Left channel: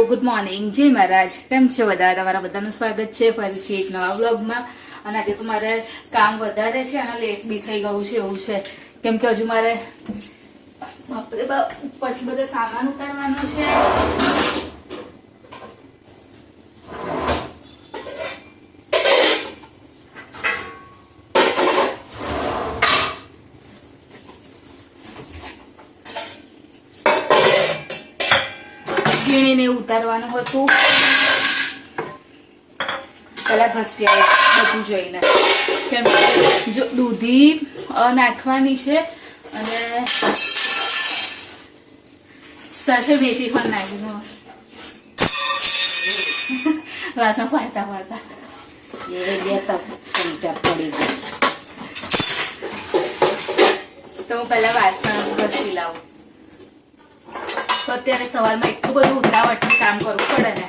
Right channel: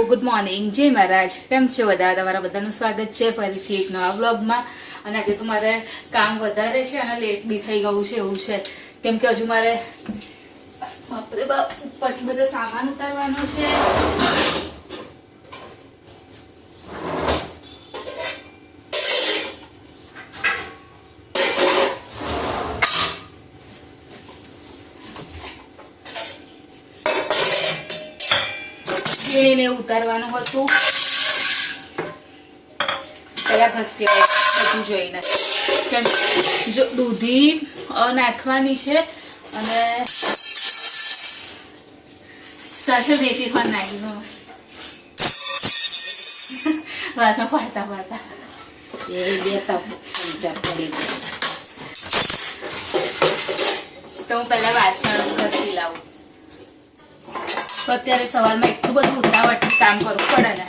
Good morning જય મહારાજ કેમ છો બધા તમારા બધાનું સ્વાગત છે ફરીથી એક નવા વ્લોગમાં અને આજે તો મારે કામ વધારે છે અને લેટ બી થઈ ગયું છે એવું છે કેમ કે હજુ મારે બાપરે બાપ ઉપરથી બધો સામાન ઉતારવાનો છે ને ઉતારવાનું હતું પેલા ઘસ્યા બધું જોઈને કેમ જો દૂધી નાખવાની છે અને સાથે મેથી પણ નાખી વાસણ પાડતા પાડતા એ બે ચમચા પડી ગઈ તો હું પેલા વાસણ ઘસી લાવું તો અત્યારે સવારમાં એટલું બધું ઉતાવળથી કામ કરવું પડે ને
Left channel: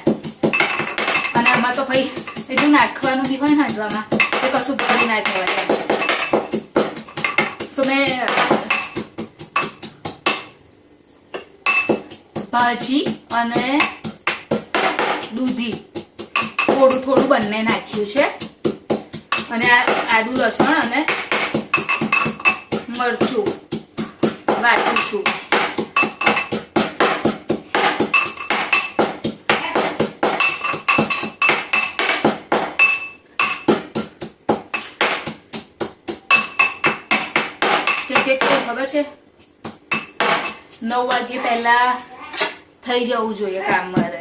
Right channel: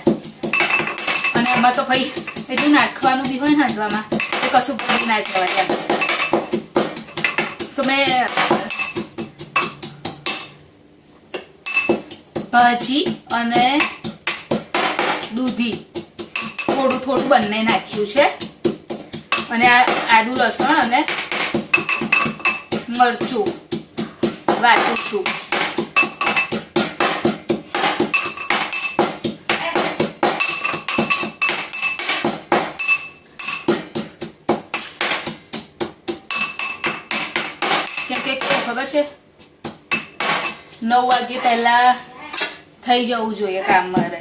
અને એમાં તો ભાઈ એટલું નાખવાનું બી હોય ને હાંડવામાં એ કશું ભૂલી ના કહેવાય એમ તો મેં ભાજી અને દૂધી થોડું થોડું બંને નાખ્યું છે અને આ આદુ લસણ અને મરચું વાટું છું ખબર છે 9 વાગે પહેલા થઈ જવું જોઈએ કામ મારે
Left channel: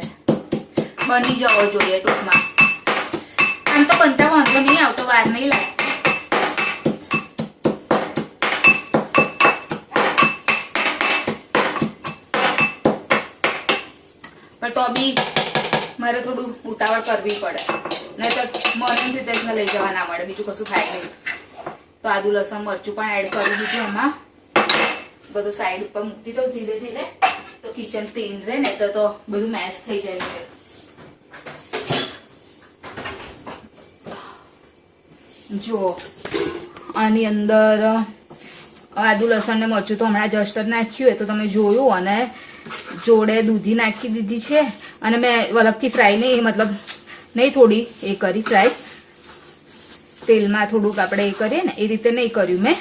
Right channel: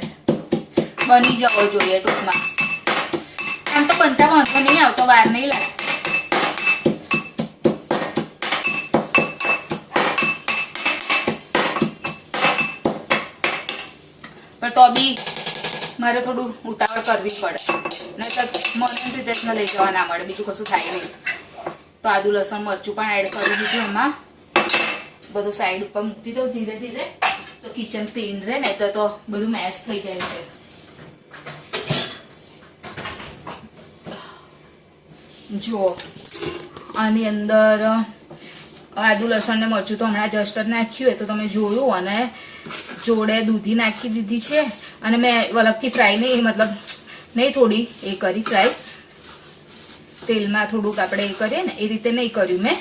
બની જવો જોઈએ ટૂંકમાં આમ તો બનતા વાંધો નહીં આવતો વાર નહીં લાગે પણ તો બી મારે થોડું ઉતાવળ કરવી પડે નહીં તો મોર્નિંગ રીતે જ લઈ જવા ના મળે બીજું કશું થાય નહીં તો આદુ લસણ મરચું પણ એડ કરી દીધું એમાં બધું સાઈડ ઉપર મૂકી દઉં ધીરે ધીરે તો કિચન ક્લીન રહે ને તો બધું મેશ થઈ જાય છે જો આની અંદર આદુ લસણ ને મરચું તો હમણાં જસ્ટ નાખ્યું તો તમે જોયું અને જોડે દૂધી નાખી દીધી છે અને મેં અલગથી ફ્રાય નહીં મતલબ નહીં થોડી એ કરી ફ્રાય તેલમાં થોડુંક આપણે એ કરીએ ને એ રીતે નહીં કર્યું મેં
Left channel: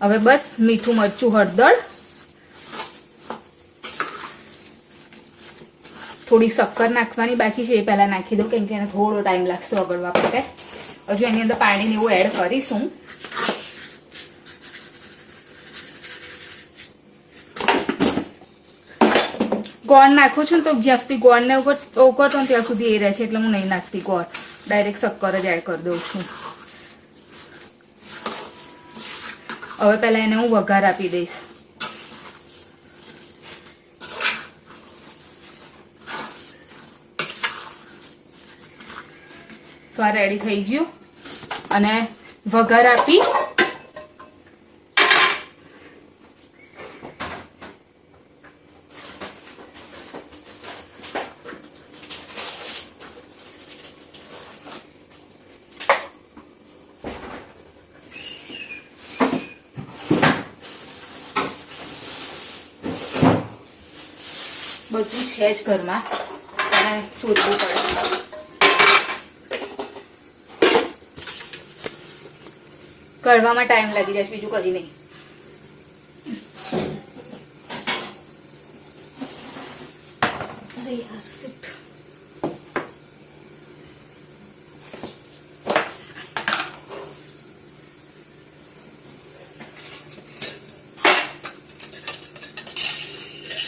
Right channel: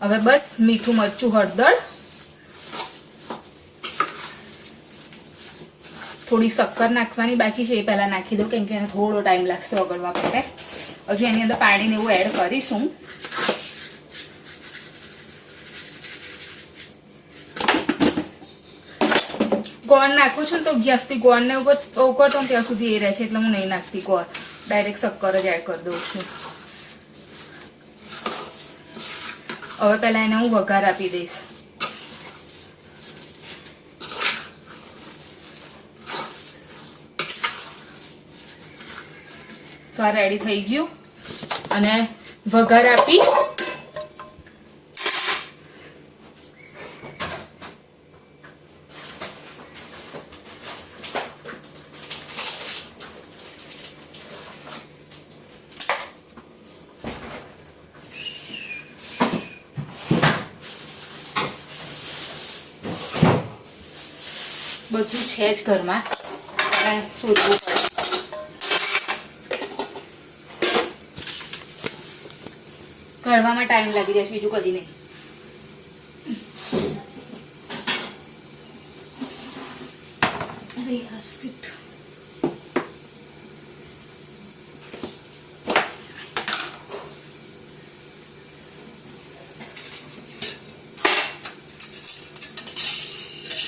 હવે બસ મીઠું મરચું હળદર થોડી શક્કર નાખવાની બાકી છે એ પહેલા નાખી દઉં કેમ કે એને થોડો ટાઈમ લાગશે ઓગળવા માટે હજુ એની અંદર પાણીને એવું એડ કરીશું ગોળ નાખું છું તો જ્યાં સુધી ગોળને ઓગળતો ત્યાં સુધી એ રહે છે એટલે હું નહીં નાખતી ગોળ ડાયરેક્ટ શક્કર જ એડ કરી દઉં છું હવે પહેલા એને હું વઘાર આપી દઈશ તો આ રેડી થઈ ગયું અને વઘાર આપી બધું છે જ ઘરમાં અને શોધવું પડે કઢવામાં ટાઈમ લાગી જાય બીજું કદી નહીં અરે યાર શિટ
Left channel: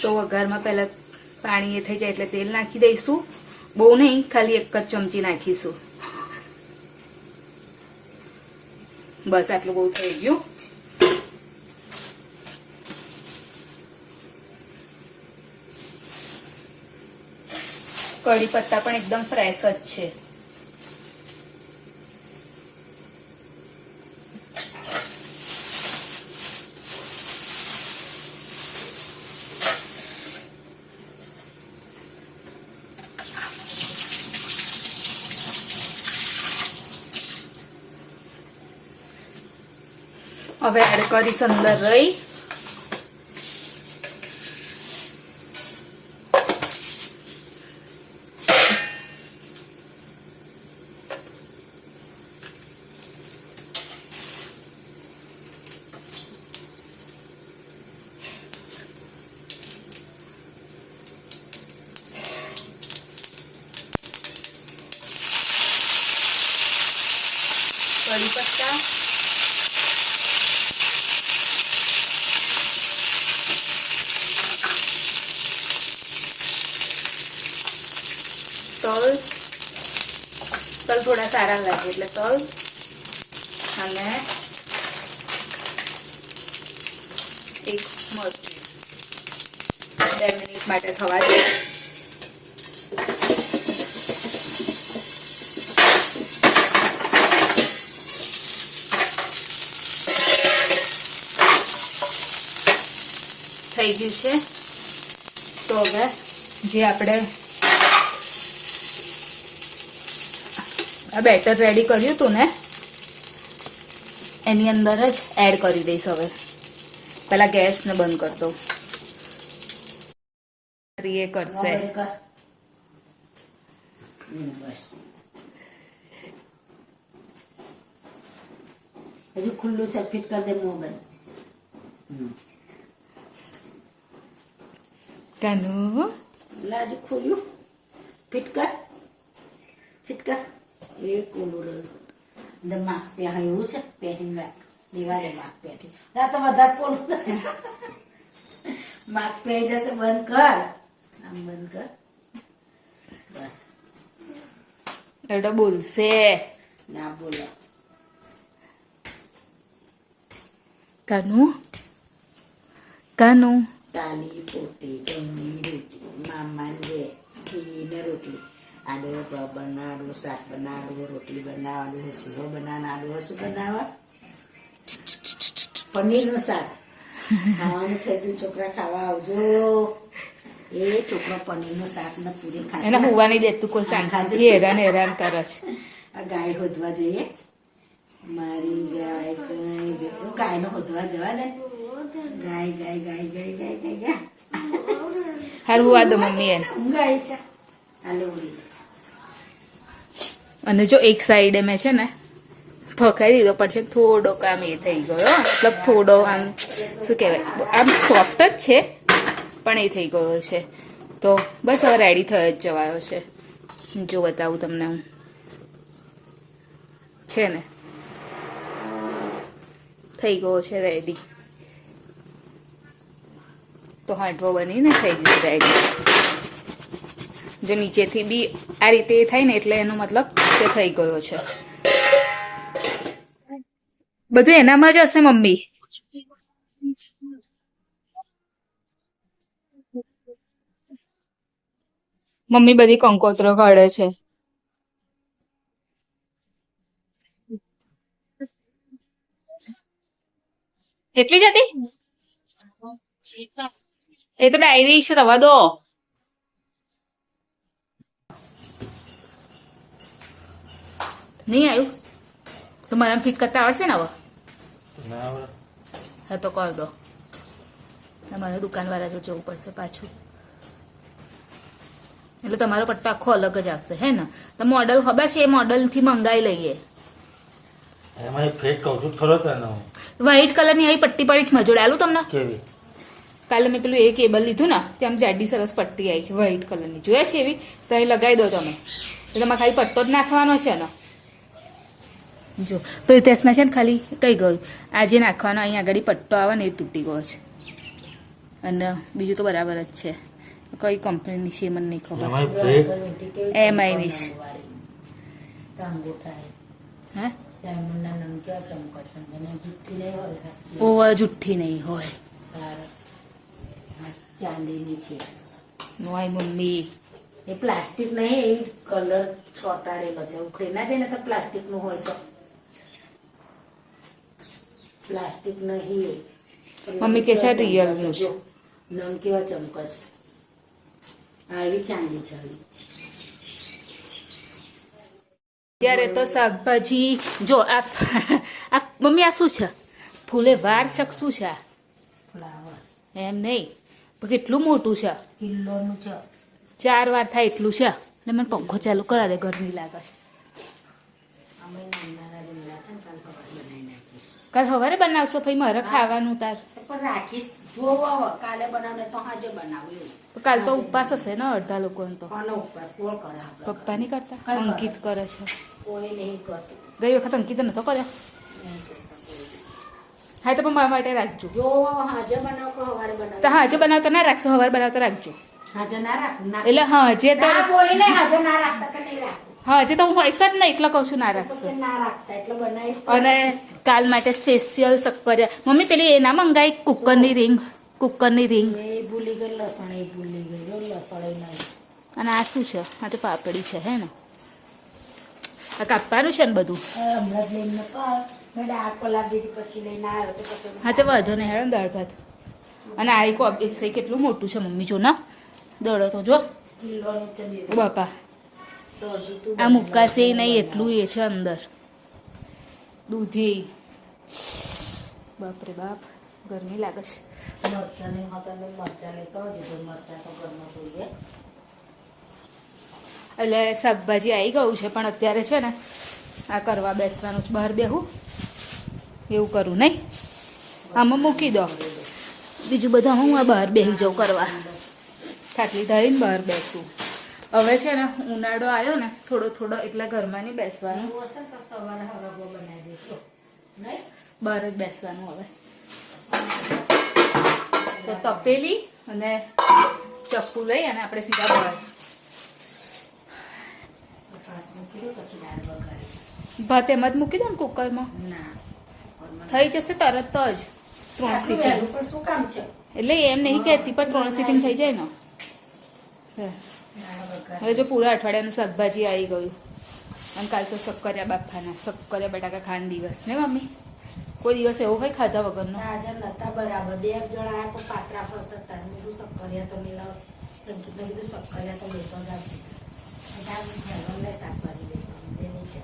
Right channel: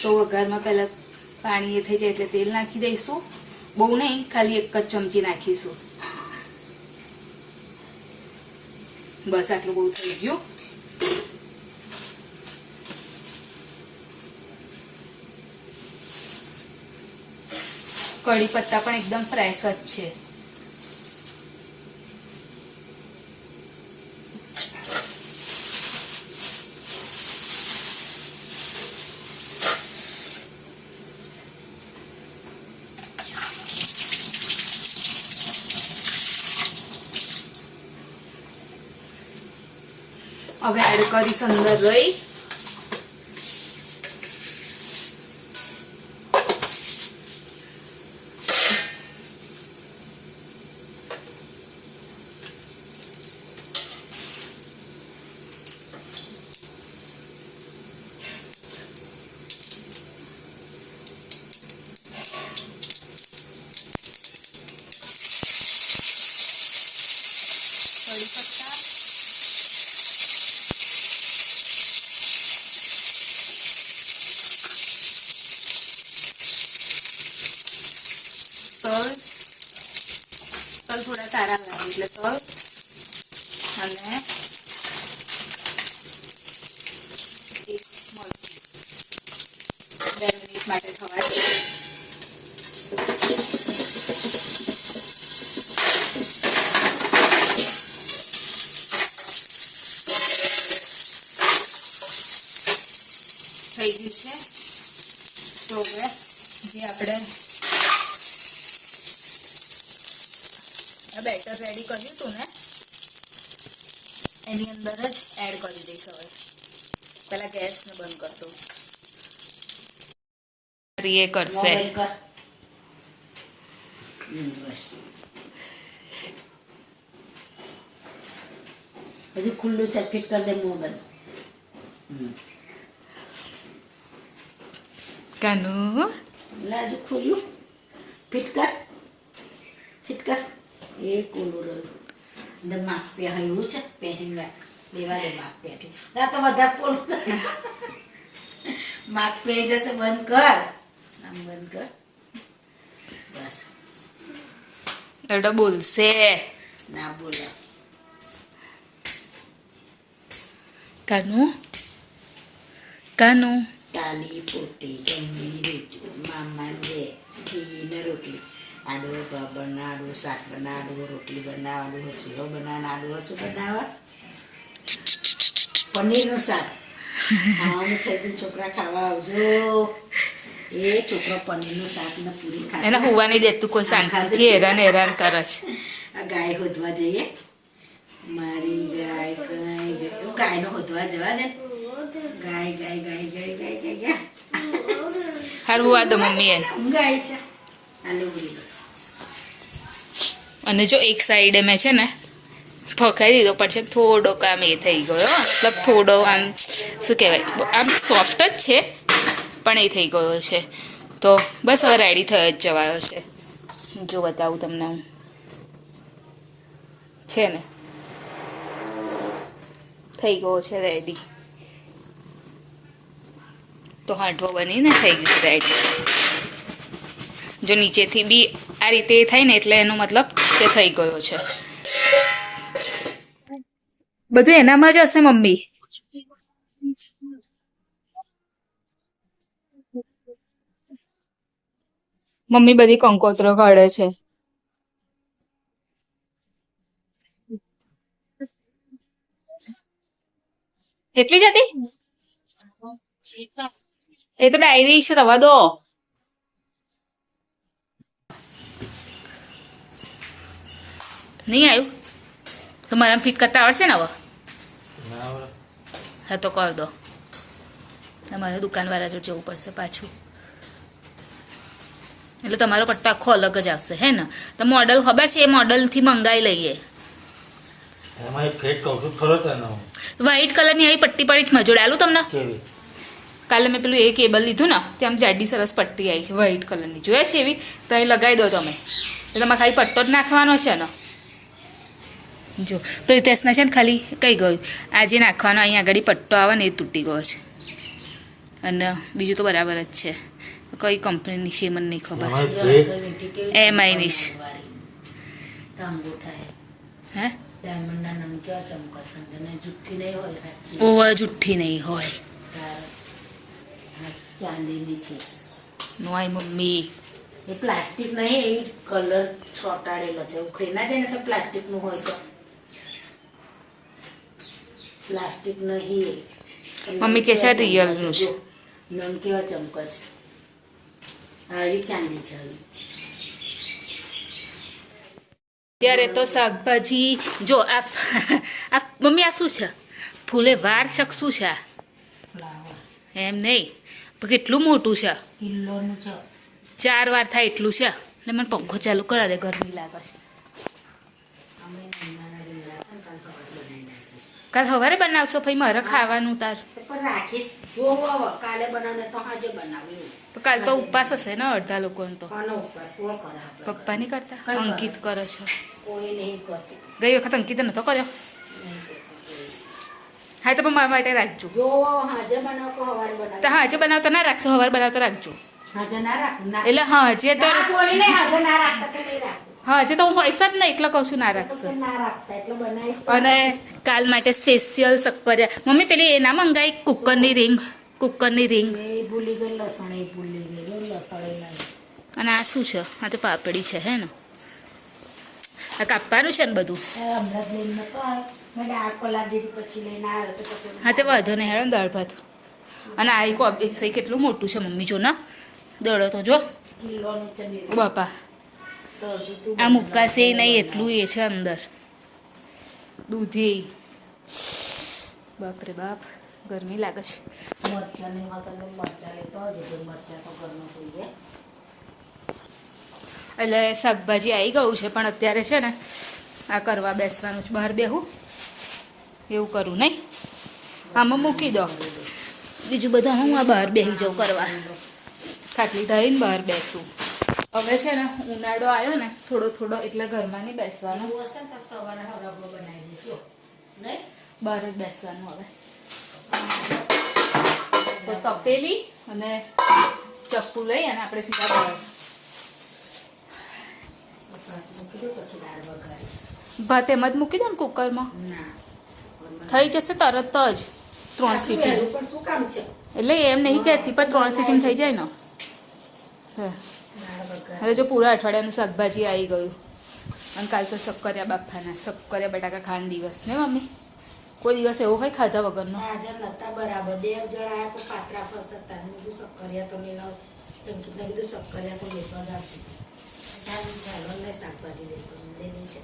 તો વઘારમાં પહેલા પાણી એ થઈ જાય એટલે તેલ નાખી દઈશું બહુ નહીં ખાલી એક જ ચમચી નાખીશું બસ આટલું બહુ થઈ ગયું કઢી પત્તા પણ એકદમ ફ્રેશ જ છે હવે એડ કરીશ અંદર રહી કઢી પત્તા, તલ થોડા સારા લાગે એટલે તલ, અને એક મરચું 2 મિનિટ માટે થવા દે. થઈ ગયું છે. તો હવે જે આપણે આ બેટર રેડી કર્યું હતું ને એની અંદર જ એડ કરી દઈશ. હવે પહેલા ગેસને બંધ કરી દઉં. એ કરશે. બસ હજુ ખુલ્લું છે, ફિટ કરી દે મોં બંધ. કાનુ હજુ ખુલ્લું ફિટ કર, ફિટ કર. એ કોલું રહ્યું અંદર માપ પે એવું છે, પહેરીને લેવા દે માપ પેથી. ના તો વધારે કોલું માપ પે જશે. બંધ કર, આમ બંધ કર. બસ એવડો બોલશે. ના બોલો. કાનુ કાનુ તાલી પોટી ઘઉંની રોટલી, મામા રે ઘીને રોટલી, આડો બનાડું, શાક બનાડું, રોટલી બનાવવાનું, હસીઓ બનાવવાનું, હસું બનાવવા, પનીરનું શાક ખાવાનું થઈ ગયું. છોકરા ખાવા આવજો. એ છોકરા પનીરનું શાક ને પૂરી ખાશે. એને હોવા નહીં દેતું કોઈ, શાંતિથી હેરાન કરે છે. આ ગાય હોદવા જઈએ. મારી ગાય કઈ ગાયનો હોદવા જવા દે. ગાય ગાય ગાય ગાય ગાય ગાય ગાય હારું આ દો મમ્મી એને. ગાય છે આલે ઉડી. અને જો એક સાઈડે મેં છે ને પકાઈ દીધો, પણ થોડો આમ એ થઈ ગયો, મતલબ થોડો આમ શું કહેવાય, આમ સોફ્ટ જ છે પણ એ થઈ ગયો છે. તો બસ હવે રેડી થઈ જ જવાયો છે. જો બતાવું તમને હું, છે ને થઈ ગયો છે રેડી. તો હાંડવો બનીને થઈ ગયું રેડી. જો નીચેથી બી આ રીતે થાય ને એટલે એનો મતલબ કે થઈ ગયો છે. બધું એનામાં જ હશે મમ્મી. મમ્મી બધી કંકોત્રો કાઢે છે. એટલી જ હતી? એ તો ડાયરી રવા દો. નહીં આવ્યું તો મારા ફિટ કરતા આવડશે ને હવે? હા તો કર દો. તમારે દુકાનવાળા જોડે જવું પડશે પાછું. એટલે તમારો પટ્ટો આખો અલગ જ આવશે હે ને? તો મોડલ ખબર છે? એ મોડલથી મંગાવી લઈએ. વ્હાઈટ કલરની આવી પટ્ટી પડી છે. મજોડ આલું તમને. કાલે મેં પેલું એ કેબલ લીધું ને ત્યાં જાડી સરસ પટ્ટી આવી છે વ્હાઈટ કલરની. જોયા છે એવી? તો અહીં લગાવી દો તમે. તો તમારે ખાલી પટ્ટો જ નાખવાનો છે ને. જો પ્રિતેશના છે ને ખાલી કઈ ગયું, આ જે નાખવાનો અહીં આગળ પટ્ટો આવે ને એ તૂટી ગયો છે. અને બીજું તો બરાબર જ છે. કઈ કંપનીની છે મને નહીં ખબર. એમઆઈની છે. હે ઓવા જુઠ્ઠી નહીં હોય. ચાંદીની છે. નોય મમ્મી એ પ્લાસ્ટિક નહીં, એ કલર ચોંટાડેલો છે. ઉખડી ના જાય ને તો પ્લાસ્ટિકનું હોય તો. પ્લાસ્ટિક નહીં. મમ્મી કે છે રિયલનું છે. નમ કેવા ચમકે છે. આવી ચાંદી છે. ત્યારે તો શાકભાજી જો આ મમ્મી આ શું છે? ફૂલે વાર છે શું છે? ફ્લાવર એમ નહીં પણ કેટલું મોટું છે. કિલ્લોનું છે. 4 વાર થાય એટલું છે. ને મને પંખો ચાલુ કરા દે, ગરમી લાગે છે. કાલ સવારે બનાવશો ભાઈ? મારે ખાવાનું તાર પણ રાખીશ. જો કાલે બનાવે તો હાજે બનાવ્યું. કાલ તો ઉપવાસ હશે ને અડધા લોકોને તો. કોનો ઉપવાસ? કોણ કરે? આપણે પપ્પા નહીં કરતા, અંકિત કરે છે. કોઈ નહીં કરતી. ગઈ વખત અંકિતે નહોતો કર્યો. નહીં કરતી. હા તો પણ મારા માટે રાખજો. જો હાજે બનાવ કે હવારે બનાવ. તો હાજે બનાવતો ના રાખશો, સવારે બનાવતો રાખજો. હાજે ના રાખું ના. એટલે હાજે તો ના બોલીને હાજે ના રાખતા કે નહીં રાખું. હાજે તો હું હોઈશ જ ને, એટલે કહું છું ના રાખશો. તો ના રાખતા એટલે બનાવીશ તો. અને કાલ માટે સ્પેશિયલ શક્કરિયા. મમ્મી પેલી એ ના મંગાઈ કુકરની રિંગ, કુકરની રિંગ. એ ભૂલી ગઈ લસણ, એ ભૂલી ગઈ લસણ એ નહીં. અને આ શું છે? આ તો પાપડી છે હે ને, આ કાપવાનું છે ને બધું. હમણાં જ લઈને નતો આવ્યો. મેં દાળ પલાળ દીધી પછી લઈને આવ્યો તો પછી. હા તો વાંધો નહીં હેડો દાળ ભાત. અને આ કોબી સહી કેટલું મોટું છે મમ્મી, જો ના દળો તો જો કિલોનું છે બે. ઓ બાપા, તો હજી તું આ મુક્કાશે નહીં એટલું એ છે અંદર. દૂધી, બાપરે બાપ, ગરમી લાગે છે. મરચાં નહીં હોતા ને મરચાં લેતો હજી તો મરચાં તો ઘરમાં જોઈએ. એટલે શાકભાજી આવી ગયું છે, પણ અત્યારે છે ને આ કરવા બેસવાનું છે. બહાર બેહું એવું કરું નહીં, આમાં મૂકી દો. બીજું બધા હું આ બહાર બેસી જાઉં કરવા, ખાટલી ધારીને બહાર બેસું. હવે છે ને ઉનાળો આવ્યો ને થોડો થોડો, એટલે ઘરમાં નહીં બેસવાનું, એવું હશે ને તો સવારે હરાબો બનાવી દઈશું નહીં. બહાર જ બેસવાનું. હવે તો તપેલી અને ચપ્પુ લઈ અને આપણે સીધા બહાર. ભાત મૂકી દઉં પછી દાળ વઘારીશ. ભાત એમ જ મૂકી દો ને કુકરમાં, ના થઈ જશે તરત જ. 3 સીટી. વહેલું પણ શું કામ છે? એટલે એમ નહીં કહેતી, પણ 3 સીટી થઈ જાય ને. હા. દાળ વઘાર. હવે જો પૂરા અઠવાડિયાનું શાકભાજી આવી ગયું. અને કાલ તો શક્કરિયા બાફાના, શક્કરિયા બટાકા ખાન દિવસ ને મમ્મી. કોઈ દિવસ એવું હોય ખાધા વગરનો? હાજર નતા બરાબર. 2 જણ આયા પણ પાત્રા ફસતા. મેં કીધું શક્કરિયા તો નહીં લાવ. તો મેં કીધું શક્કરિયા તો બેસવા જ આવશે. એટલે શાકભાજી લઈ દે છે.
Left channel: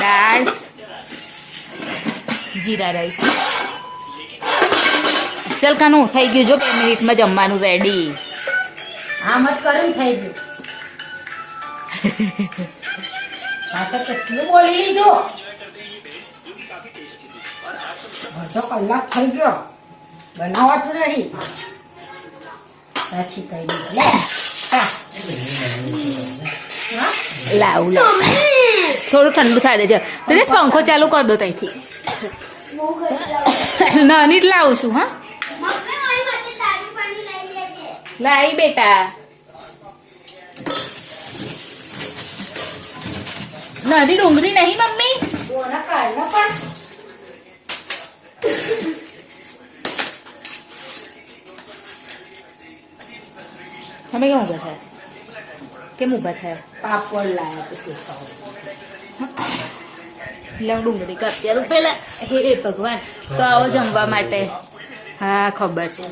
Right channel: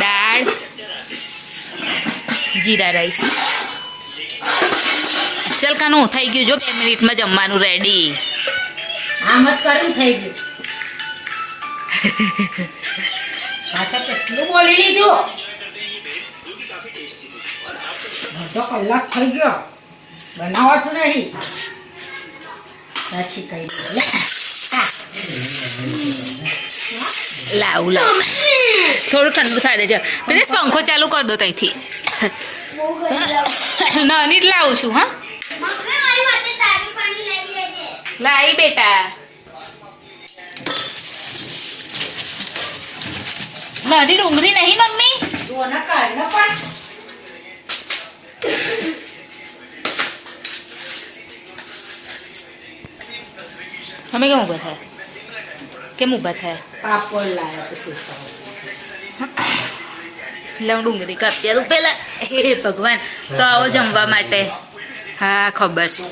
દાળ, જીરા રાઈસ. ચલ કાનું થઈ ગયું જો, 2 મિનિટમાં જમવાનું રેડી. આમ જ કરીને થઈ ગયું. પાછા કેટલું બોલી લીધું. અડધો કલાક થઈ ગયો, બનાવાતું નહીં. પછી કઈ લીધું લે. લાવ લાવ, થોડું ઠંડુ થાય દેજો. પેલે પંખો ચાલુ કરી દો ત્યાંથી. નાની જ લાવું છું. હા લાવી બેટા. નાની ડુંગળી નહીં મમ્મી? દોના કાઢ ના પણ. તમે કેમ ઊભા થયા? કેમ ઊભા થયા? પાપડ લાયા તો એટલે હું ડુંગળી કાપી આલું પેલા. હે ભગવાન, તો આવો જમવા માટે. હા ખબર છે.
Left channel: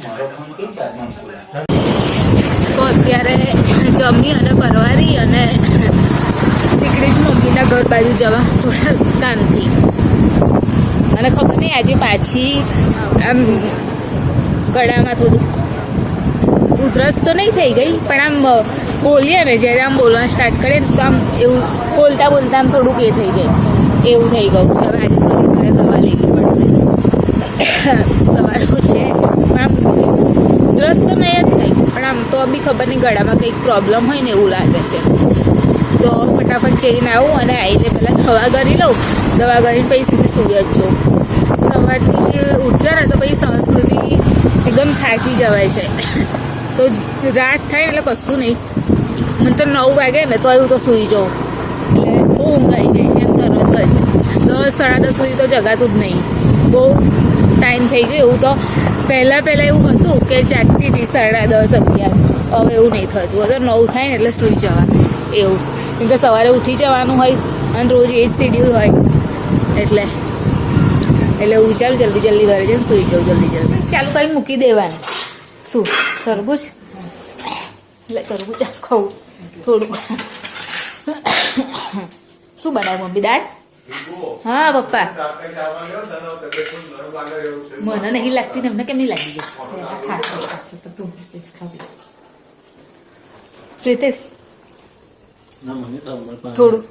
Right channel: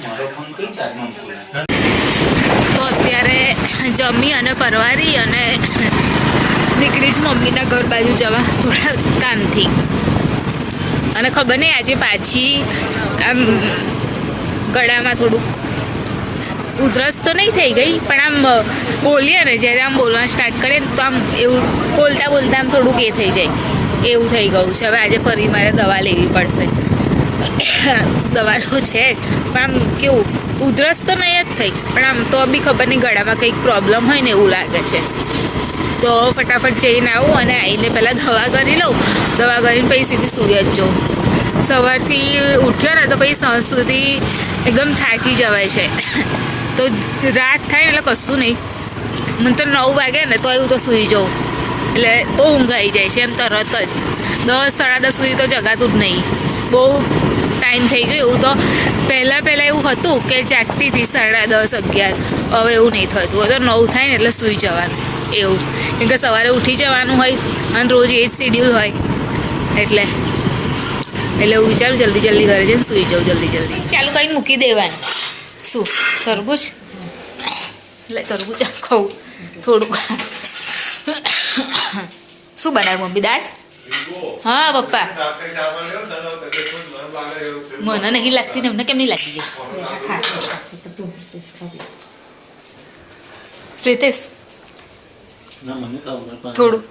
તો અત્યારે જમી અને પરવારી અને નીકળી જ મમ્મીના ઘર બાજુ જવા થોડા કામથી. અને ખબર નહીં આજે પાછી આમ ગળામાં થોડુંક ઉધરસ તો નહીં થઈ ગઈ, પણ આમ બોલીએ ને જ્યારે આમ બોલવા સ્ટાર્ટ કરીએ ને તો આમ એવું બોલતા બોલતા આમ થોડુંક એ થઈ જાય એવું થઈ ગયું છે. હવે આજે ફરી મારે દવા લેવી પડશે. દવા તો છે પણ આમ કેવું ઉધરસ તો નહીં જ થઈ, પણ આમ તો બી ખબર નહીં ગળામાં કંઈક પ્રોબ્લેમ હોય ને એવું લાગે છે. તો ફટાફટ જઈને આવું અને આવીને પહેલાં દવા કરી લઉં. દવા કરીને પછી સીધી સૂઈ જ જાઉં. સવારથી ઉઠ્યો ને તો પછી સાંજ સુધી એકદમ થાકી જવાય છે. તો રાત થાય ને એટલે કશું નહીં. મને તો 9 વાગે ને તો એવું તો સૂઈ જાઉં, એટલે તો ઊંઘ આવી જાય છે એમ તરત જ. 10 સાડા 10 સુધી તો જગાતું જ નહીં. બહુ ટાઈમ થઈ ગયો. એવું તો પહેલાં એવું હતું કે જાગતી હતી 10:30 11. હવે એવું નહીં થતું. હવે તો 9 થાય ને એટલે સૂઈ જવાનું એવું. કેમ કે સવારે ઉઠી જવાનું હોય અને રોજ એ જ શિડ્યુલ હોય એટલે હું વિચારું જલ્દી ઘરે જઈને સૂઈ જાઉં જલ્દી. ચાલુ કરીને મૂકી દેવાનું. શું તરબૂચ? એટલે તરબૂચ ખાઉં થોડુંક. શું બનાવ્યું મમ્મી? દાળ? હા પપ્પા, મને નહીં લાગતી ને એમને કેમ નહીં લાગી ગઈ? પ્રીતેશ થોડું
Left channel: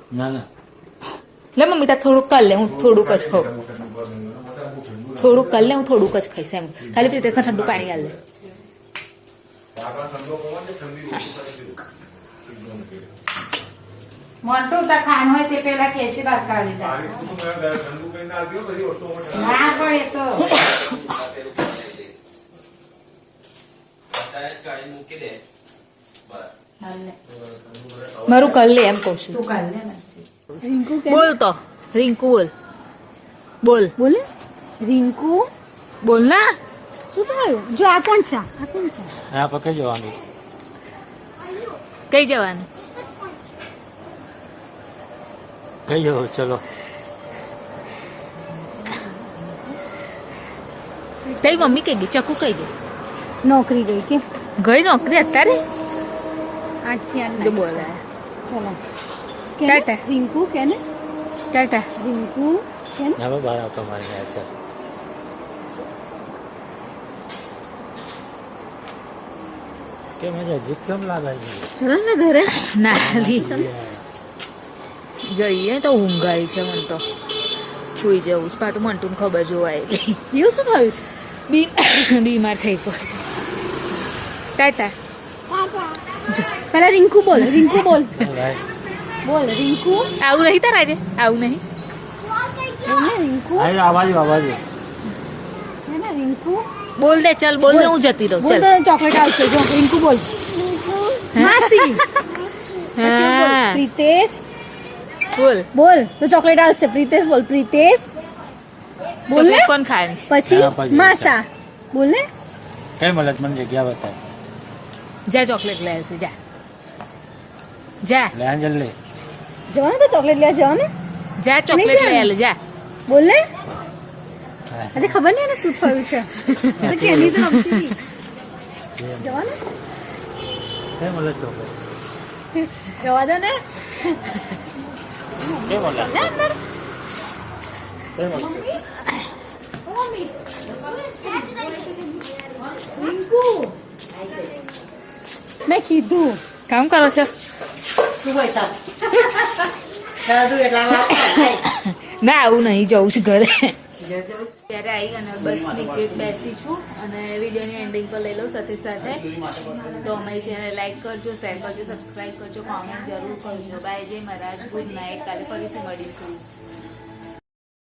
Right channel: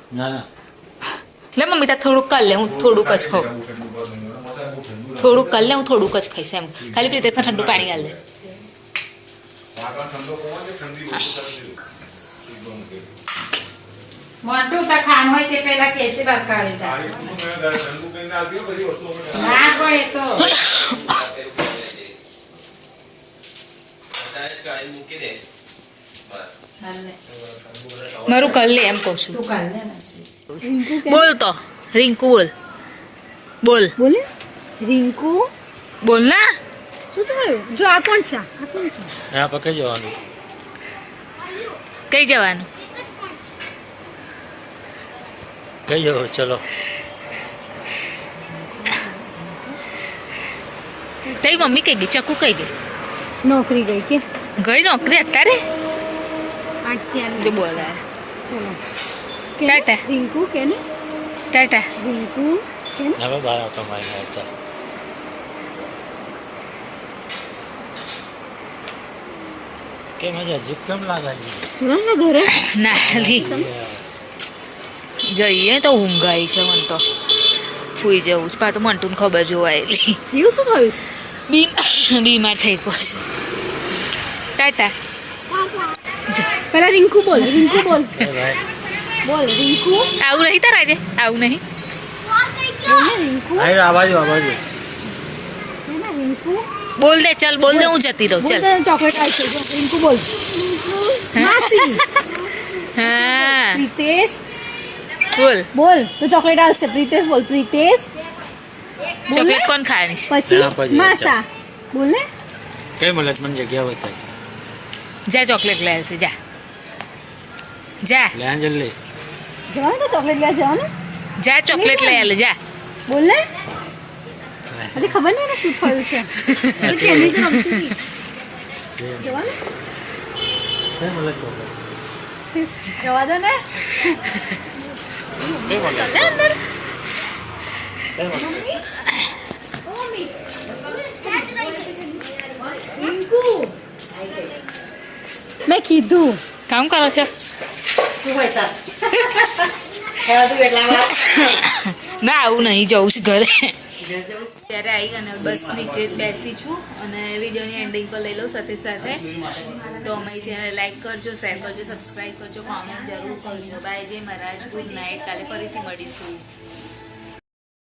લે મમ્મી, તાર થોડુંક કર લે, હું થોડુંક જ ખાઉં. થોડુંક કર લે, હું થોડુંક જ ખાઈશ એમ. ખાલી પ્રીતેશને ઠંડુ પાણી ગાળ લે. મોટું તો ખાન હોય તે પેલા ખેંચી બરકાવી દે. ના પણ એ તો હાલે. મારું કર લે એમ કહું છું. તું કાઢ લે ને. બોલ તો રિંકુ બોલ બોલ બોલે રિંકુ બોલ ના. શું થયું? જો આ કોણ છે? આ કોણ છે? यहाँ पर कहीं जवान કઈ જવાનું? कहीं जाओ चलो તારી મમ્મી કઈ ગઈ? ચકુ કઈ ગઈ? નોકરી ગઈ કે ગઈ નોકરી અત્યારે? 8 થી 8 જો બોલાય. ચલો ટાટા. રિંકુ કે ને ટાટા. રિંકુ કે ને यहाँ पर बाहर आता हमारे घर चल के मजा जीप केम लागा ચલો ને ઘરે ના લી જઈએ તો ઊંઘ આવી છે મને તો સુઈ જવું જ પાછું મંટુને ખબર જોવાયેલી એવું શું થયું છે? બીમાર થઈ ગયો છે. ટાટા. જો, પેલા રિંકુ બોલ બોલ રિંકુ આવું નહીં તારા આજે આવું નહીં. બોલ ને રિંકુ आई आवाज आवाज હે ને રિંકુ બોલ દે ચાલ બોલ દે હું જતી રહું બોલ ચાલ. તો ચોકલેટ આવશે જો રિંકુ બોલ માસી હા પ્રીતેશ બોલ. બોલ તો ચોકલેટ આવશે પ્રીતેશ બોલ પ્રીતેશ બોલ ને ચોકલેટ કોણ ખાવાની છે? હા, પછી પછી માસા બોલ ને कहीं मलत मन जगह बताई જા ચોકલેટ લઈ આવશે જા જા ले आ जल्दी જવાનું તો ચોકલેટ લેવા જવાનું જા ચોકલેટ લઈ આલે જા. બોલ ને આજે ખબર નહીં એને શું થયું છે તો કેની જ રમતી હતી જવાનું कहीं मलत चॉकलेट જવા દો ને कहीं मलत લે અંદર कहीं मलत રિંકુ મેં કીધું કામ કરો છો? શું હોય તાર? ખાધું એટલા વાર ના આવું નહીં જવું છે ઘરે. જજો. ત્યારે આવી અને બસ નીચે જ બેસી છું અને વિડીયોની એન્ડિંગ પર લઈ લઉં સાથે સાથે. તો અમારી ચેનલ લાઈક કરજો, શેર કરજો, સબસ્ક્રાઈબ કરજો, કોમેન્ટ જરૂર કરજો. બાય જય મહારાજ, ગુડ નાઇટ. કાલે ફરીથી મળીશું.